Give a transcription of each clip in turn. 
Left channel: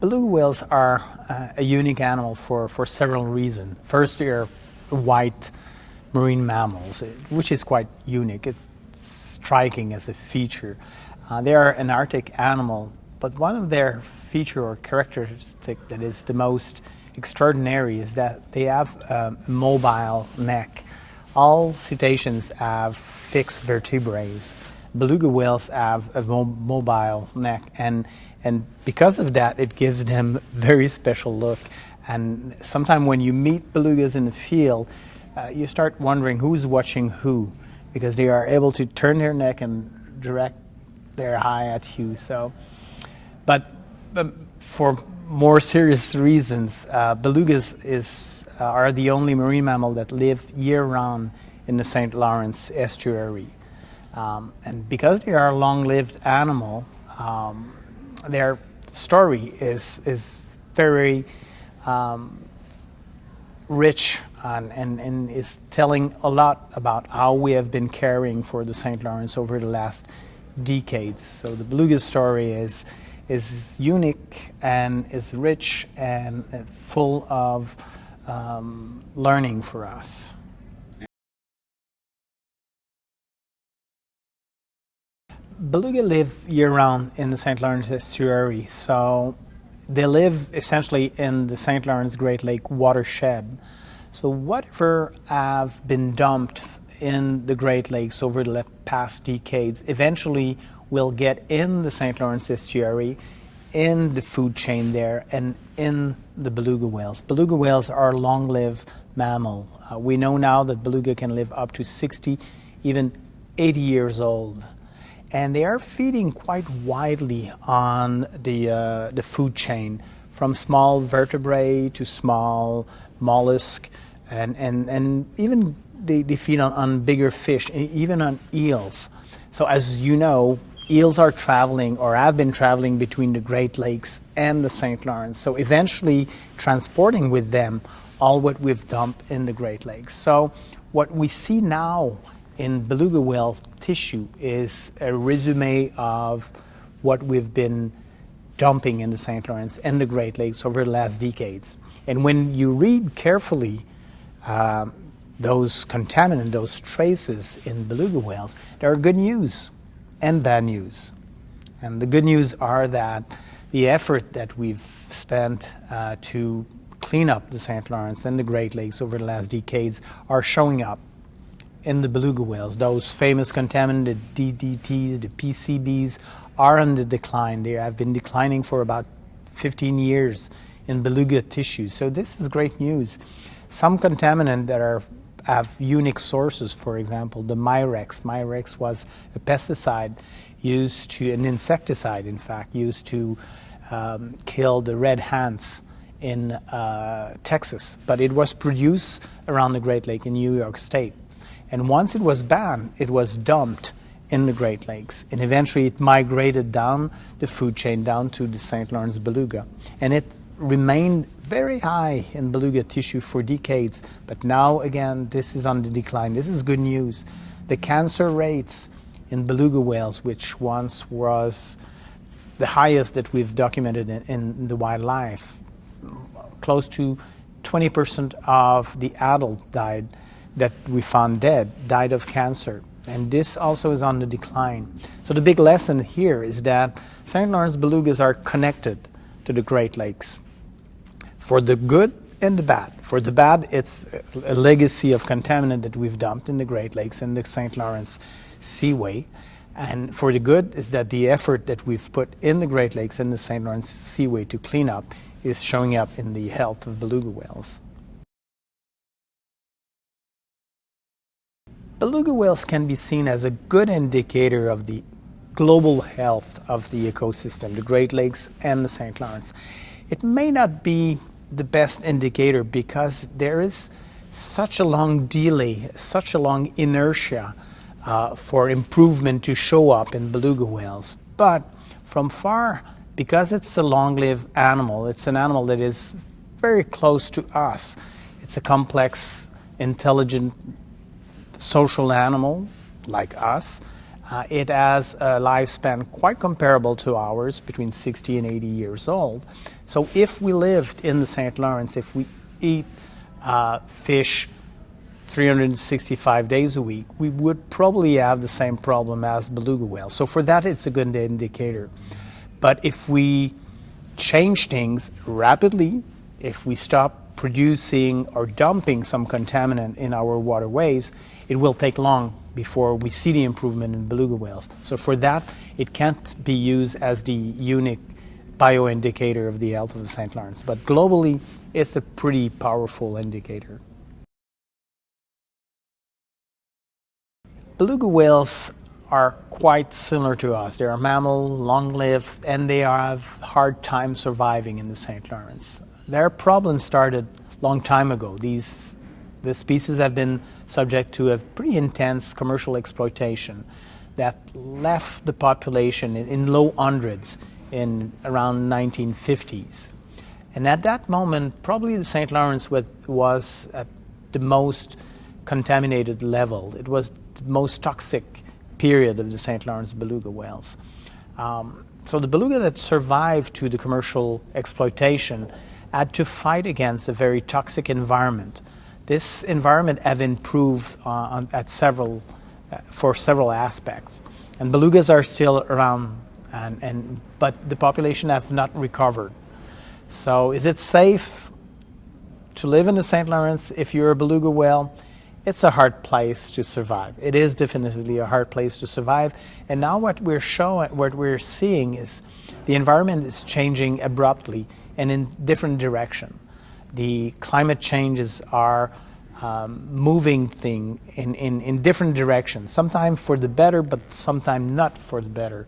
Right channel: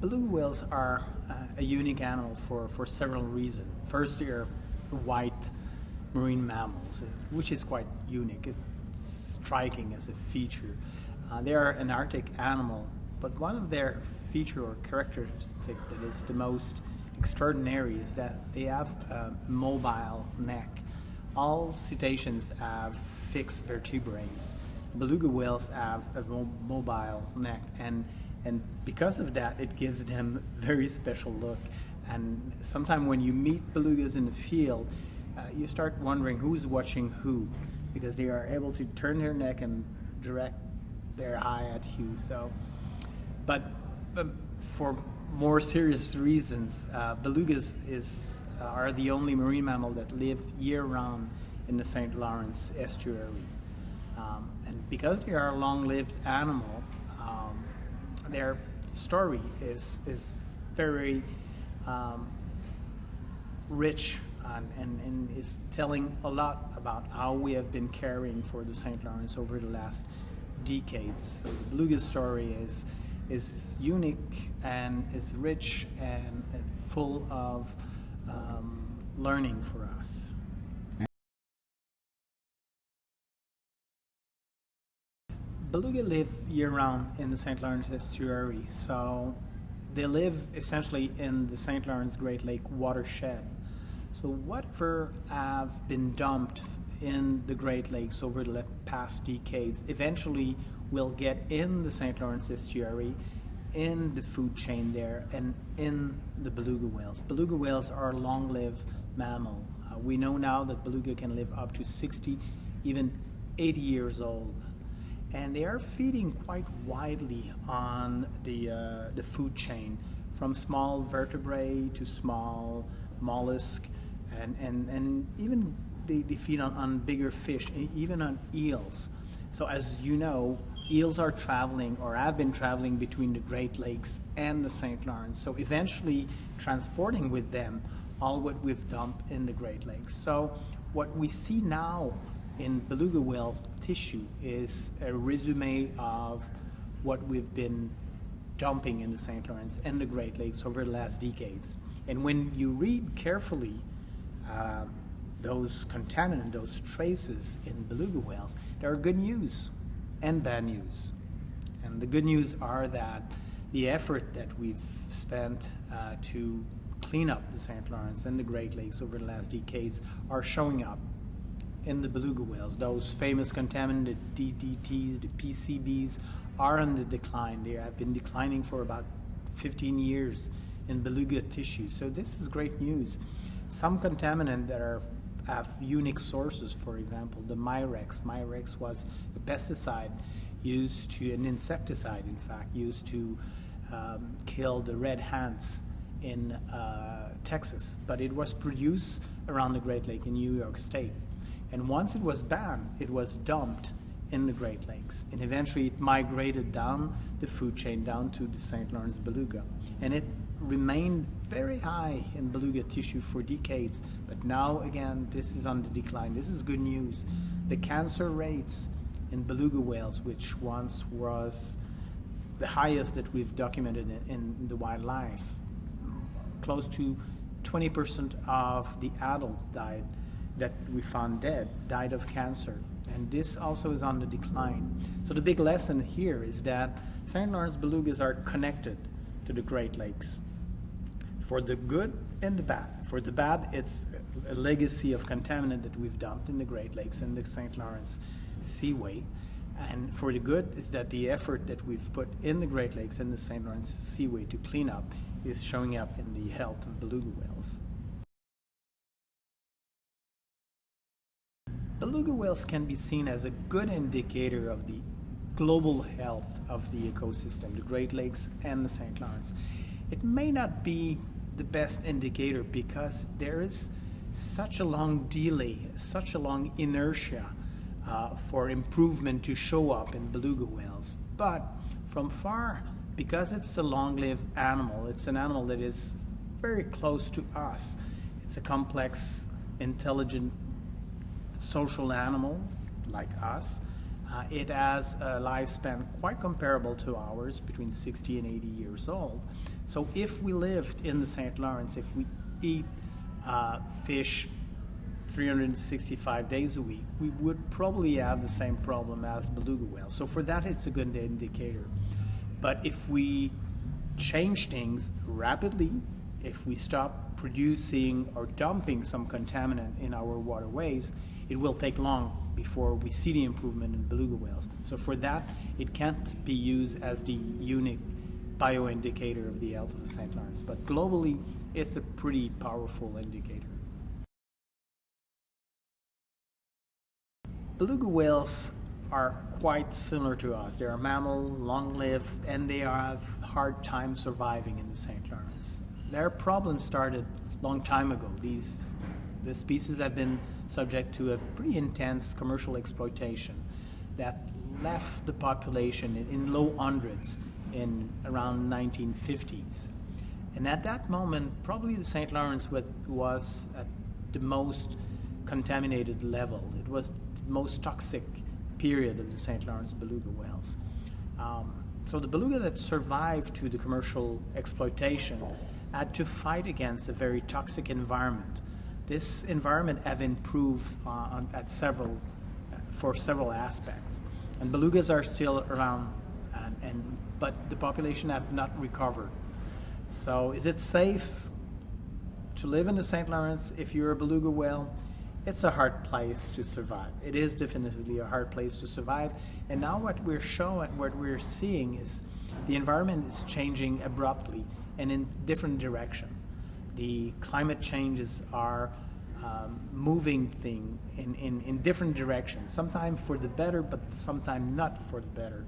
Beluga whales are a unique animal for several reasons. First, they're white marine mammals, which is quite unique. It's striking as a feature. They are an Arctic animal, but one of their feature or characteristic that is the most extraordinary is that they have a mobile neck. All cetaceans have fixed vertebrae. Beluga whales have a mobile neck, and because of that, it gives them a very special look. And sometimes when you meet belugas in the field, you start wondering who's watching who, because they are able to turn their neck and direct their eye at you. But for more serious reasons, belugas are the only marine mammal that live year-round in the St. Lawrence estuary. And because they are a long-lived animal, their story is very rich and is telling a lot about how we have been caring for the St. Lawrence over the last decades. So the beluga story is unique and is rich and full of learning for us. Beluga live year-round in the St. Lawrence estuary, so they live essentially in the St. Lawrence Great Lake watershed. So whatever have been dumped in the Great Lakes over the past decades eventually will get in the St. Lawrence estuary, in the food chain there, and in the beluga whales. Beluga whales are a long-lived mammal. We know now that beluga can live up to 60, even 80 years old. And they are feeding quite widely on the food chain, from small vertebrae to small mollusk, and even they feed on bigger fish, and even on eels. So as you know, eels are traveling or have been traveling between the Great Lakes and the St. Lawrence. So eventually transporting with them all what we've dumped in the Great Lakes. So what we see now in beluga whale tissue is a resume of what we've been dumping in the St. Lawrence and the Great Lakes over the last decades. And when you read carefully those contaminants, those traces in beluga whales, there are good news and bad news. And the good news are that the effort that we've spent to clean up the St. Lawrence and the Great Lakes over the last decades are showing up in the beluga whales. Those famous contaminants, the DDTs, the PCBs, are on the decline. They have been declining for about 15 years in beluga tissue. So this is great news. Some contaminants that have unique sources, for example, the Mirex. Mirex was a pesticide used to, an insecticide in fact, used to kill the red ants in Texas. But it was produced around the Great Lake in New York State. And once it was banned, it was dumped in the Great Lakes. And eventually it migrated down the food chain, down to the St. Lawrence beluga. And it remained very high in beluga tissue for decades. But now, again, this is on the decline. This is good news. The cancer rates in beluga whales, which once was the highest that we've documented in the wildlife, close to 20% of the adult that we found dead died of cancer. And this also is on the decline. So the big lesson here is that St. Lawrence belugas are connected to the Great Lakes for the good and the bad. For the bad, it's a legacy of contaminant that we've dumped in the Great Lakes and the St. Lawrence Seaway. And for the good is that the effort that we've put in the Great Lakes and the St. Lawrence Seaway to clean up is showing up in the health of beluga whales. Beluga whales can be seen as a good indicator of the global health of the ecosystem, the Great Lakes and the St. Lawrence. It may not be the best indicator because there is such a long delay, such a long inertia for improvement to show up in beluga whales. But from far, because it's a long-lived animal, it's an animal that is very close to us. It's a complex, intelligent, social animal like us. It has a lifespan quite comparable to ours, between 60 and 80 years old. So if we lived in the St. Lawrence, if we eat fish 365 days a week, we would probably have the same problem as beluga whales. So for that, it's a good indicator. But if we change things rapidly, if we stop producing or dumping some contaminant in our waterways, it will take long before we see the improvement in beluga whales. So for that, it can't be used as the unique bioindicator of the health of the St. Lawrence. But globally, it's a pretty powerful indicator. Beluga whales are quite similar to us. They're a mammal, long-lived, and they have hard time surviving in the St. Lawrence. Their problem started a long time ago. The species have been subject to a pretty intense commercial exploitation that left the population in low hundreds in around 1950s. And at that moment, probably the St. Lawrence was at the most contaminated level. It was the most toxic period of the St. Lawrence beluga whales. So the beluga that survived to the commercial exploitation had to fight against a very toxic environment. This environment have improved for several aspects. And belugas are still around, but the population have not recovered. So is it safe to live in the St. Lawrence if you're a beluga whale? It's a hard place to survive. It is definitely a hard place to survive. And now what we're seeing is the environment is changing abruptly and in different direction. The climate changes are moving things in different directions, sometimes for the better, but sometimes not for the better.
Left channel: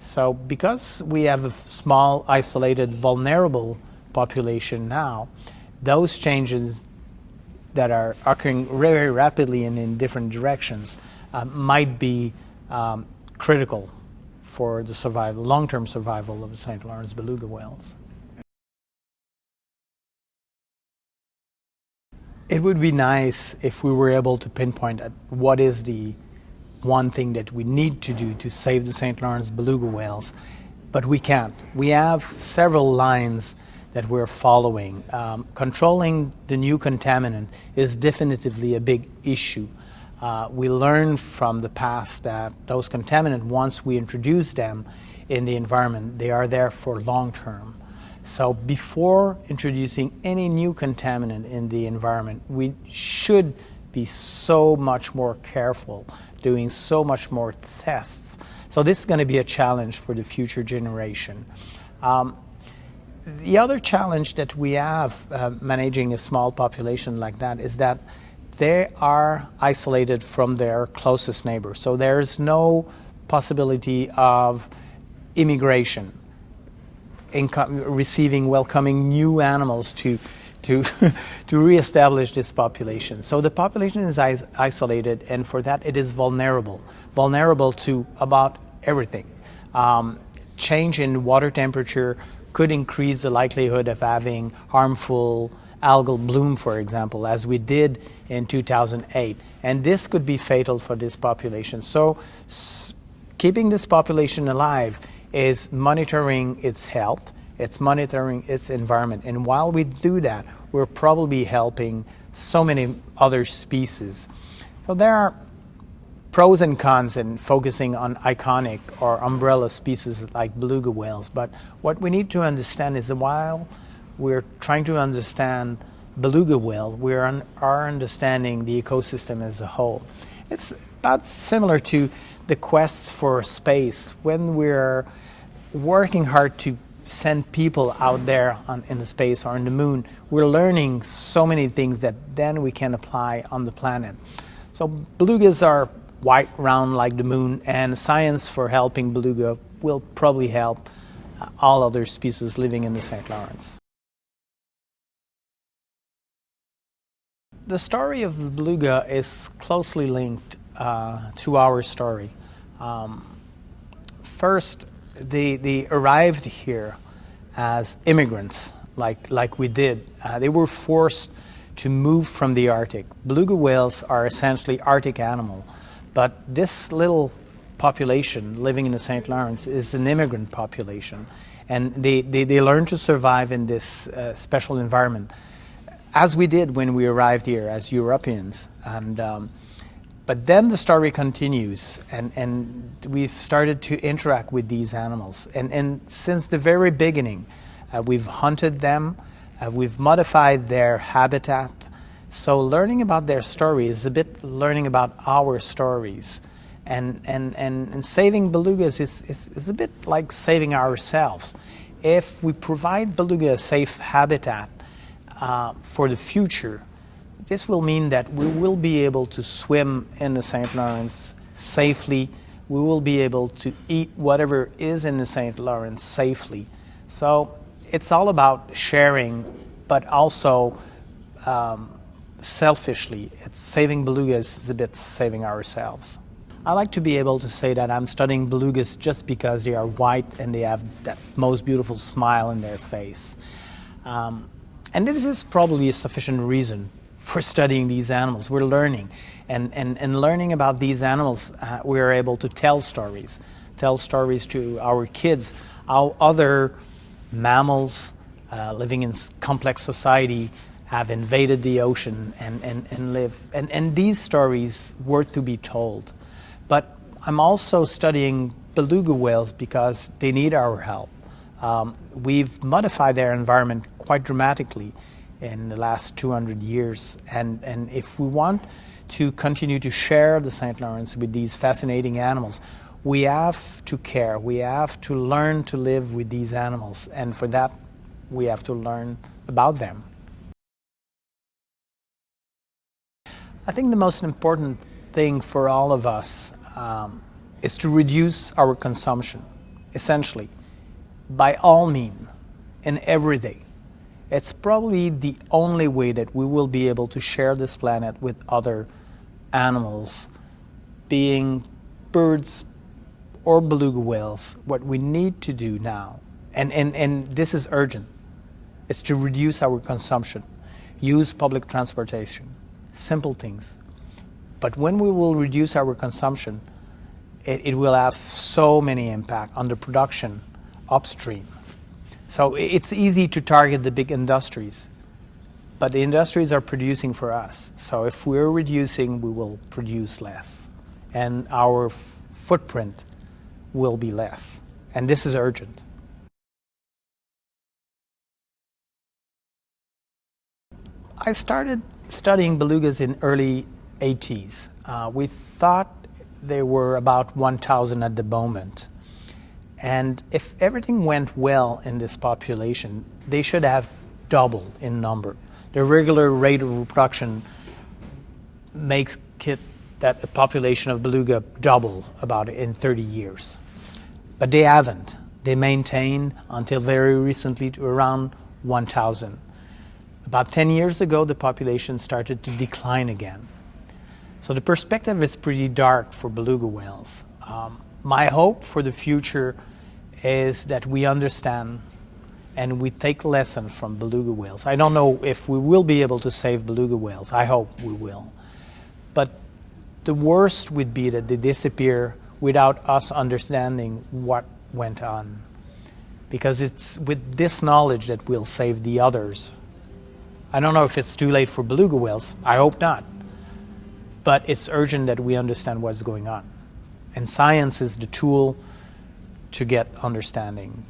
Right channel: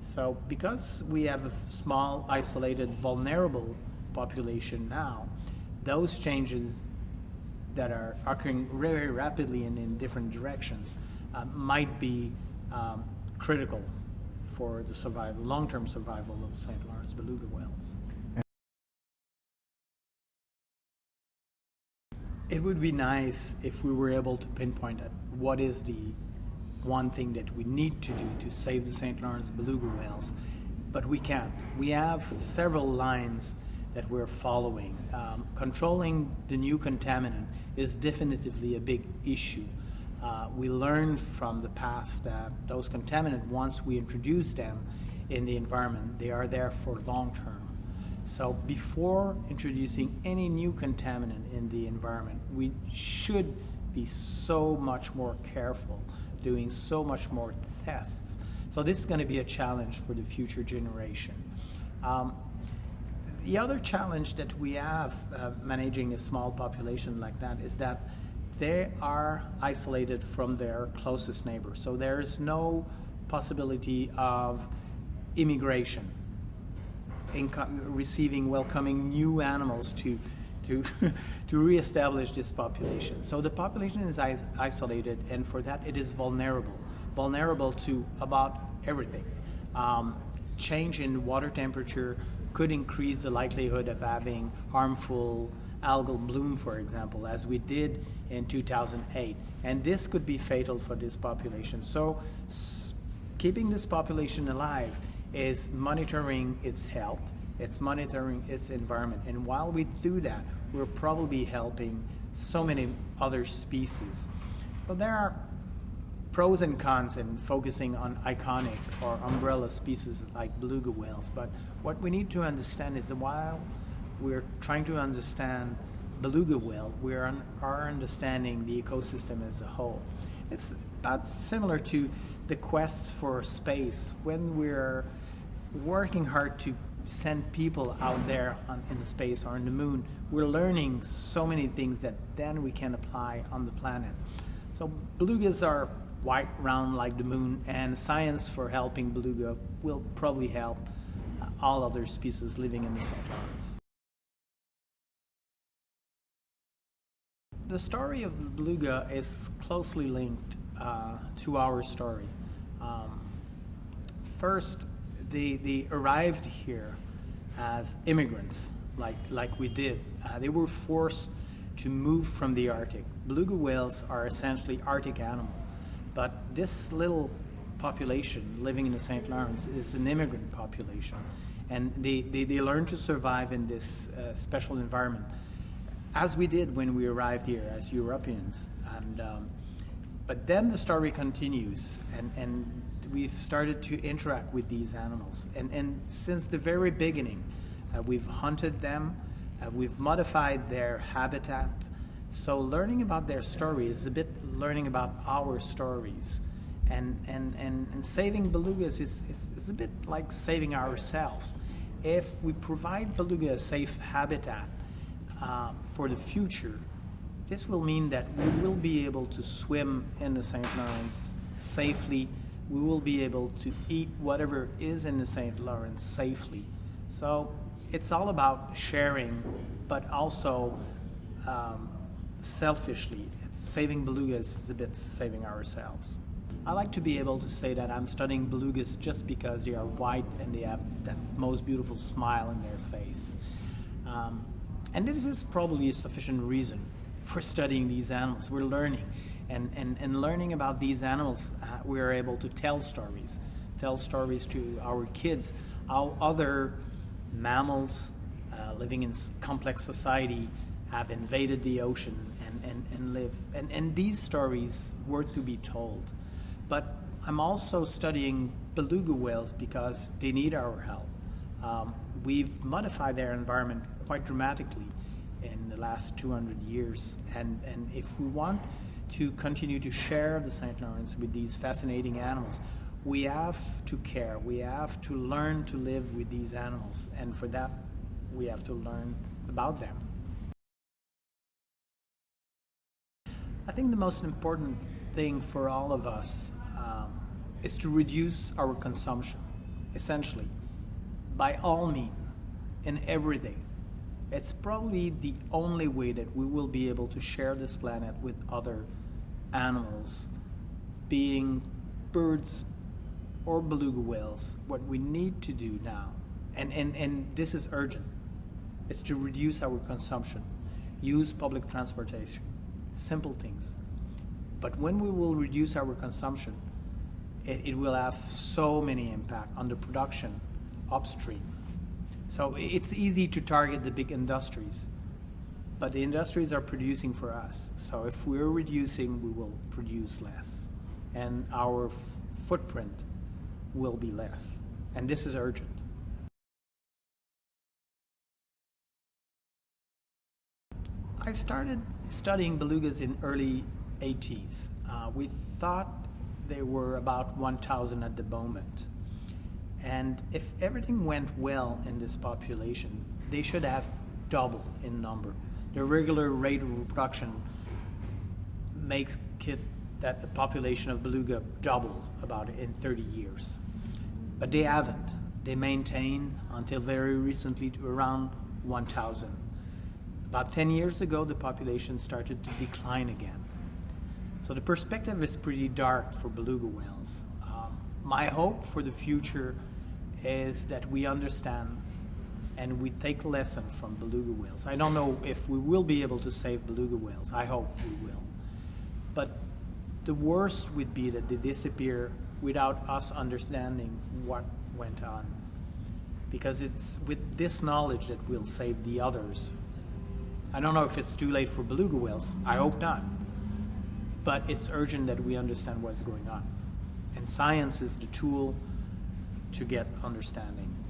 So because we have a small, isolated, vulnerable population now, those changes that are occurring very rapidly and in different directions might be critical for the survival, long-term survival of the St. Lawrence beluga whales. It would be nice if we were able to pinpoint what is the one thing that we need to do to save the St. Lawrence beluga whales, but we can't. We have several lines that we're following. Controlling the new contaminant is definitively a big issue. We learned from the past that those contaminants, once we introduce them in the environment, they are there for long term. So before introducing any new contaminant in the environment, we should be so much more careful, doing so much more tests. So this is going to be a challenge for the future generation. The other challenge that we have managing a small population like that is that they are isolated from their closest neighbors. So there's no possibility of immigration, welcoming new animals to reestablish this population. So the population is isolated, and for that it is vulnerable to about everything. Change in water temperature could increase the likelihood of having harmful algal bloom, for example, as we did in 2008. And this could be fatal for this population. So keeping this population alive is monitoring its health, it's monitoring its environment. And while we do that, we're probably helping so many other species. So there are pros and cons in focusing on iconic or umbrella species like beluga whales, but what we need to understand is that while we're trying to understand beluga whale, we are understanding the ecosystem as a whole. It's about similar to the quests for space. When we're working hard to send people out there in the space or on the moon, we're learning so many things that then we can apply on the planet. So belugas are white, round like the moon, and science for helping beluga will probably help all other species living in the St. Lawrence. The story of the beluga is closely linked to our story. First, they arrived here as immigrants, like we did. They were forced to move from the Arctic. Beluga whales are essentially Arctic animals, but this little population living in the St. Lawrence is an immigrant population, and they learn to survive in this special environment, as we did when we arrived here as Europeans. But then the story continues, and we've started to interact with these animals. And since the very beginning, we've hunted them, we've modified their habitat. So learning about their story is a bit learning about our stories. And saving belugas is a bit like saving ourselves. If we provide beluga a safe habitat for the future, this will mean that we will be able to swim in the St. Lawrence safely. We will be able to eat whatever is in the St. Lawrence safely. So it's all about sharing, but also selfishly. It's saving belugas is a bit saving ourselves. I like to be able to say that I'm studying belugas just because they are white and they have that most beautiful smile in their face. And this is probably a sufficient reason for studying these animals. We're learning. And learning about these animals, we are able to tell stories to our kids, how other mammals living in complex society have invaded the ocean and live. And these stories worth to be told. But I'm also studying beluga whales because they need our help. We've modified their environment quite dramatically in the last 200 years. And if we want to continue to share the St. Lawrence with these fascinating animals, we have to care. We have to learn to live with these animals. And for that, we have to learn about them. I think the most important thing for all of us is to reduce our consumption, essentially, by all means, in every day. It's probably the only way that we will be able to share this planet with other animals, being birds or beluga whales. What we need to do now, and this is urgent, is to reduce our consumption, use public transportation, simple things. But when we will reduce our consumption, it will have so many impact on the production upstream. So it's easy to target the big industries, but the industries are producing for us. So if we're reducing, we will produce less, and our footprint will be less. And this is urgent. I started studying belugas in early 80s. We thought there were about 1,000 at the moment. And if everything went well in this population, they should have doubled in number. The regular rate of reproduction makes it that the population of beluga double about in 30 years. But they haven't. They maintained until very recently to around 1,000. About 10 years ago, the population started to decline again. So the perspective is pretty dark for beluga whales. My hope for the future is that we understand and we take lessons from beluga whales. I don't know if we will be able to save beluga whales. I hope we will. But the worst would be that they disappear without us understanding what went on. Because it's with this knowledge that we'll save the others. I don't know if it's too late for beluga whales. I hope not. But it's urgent that we understand what's going on. And science is the tool to get understanding.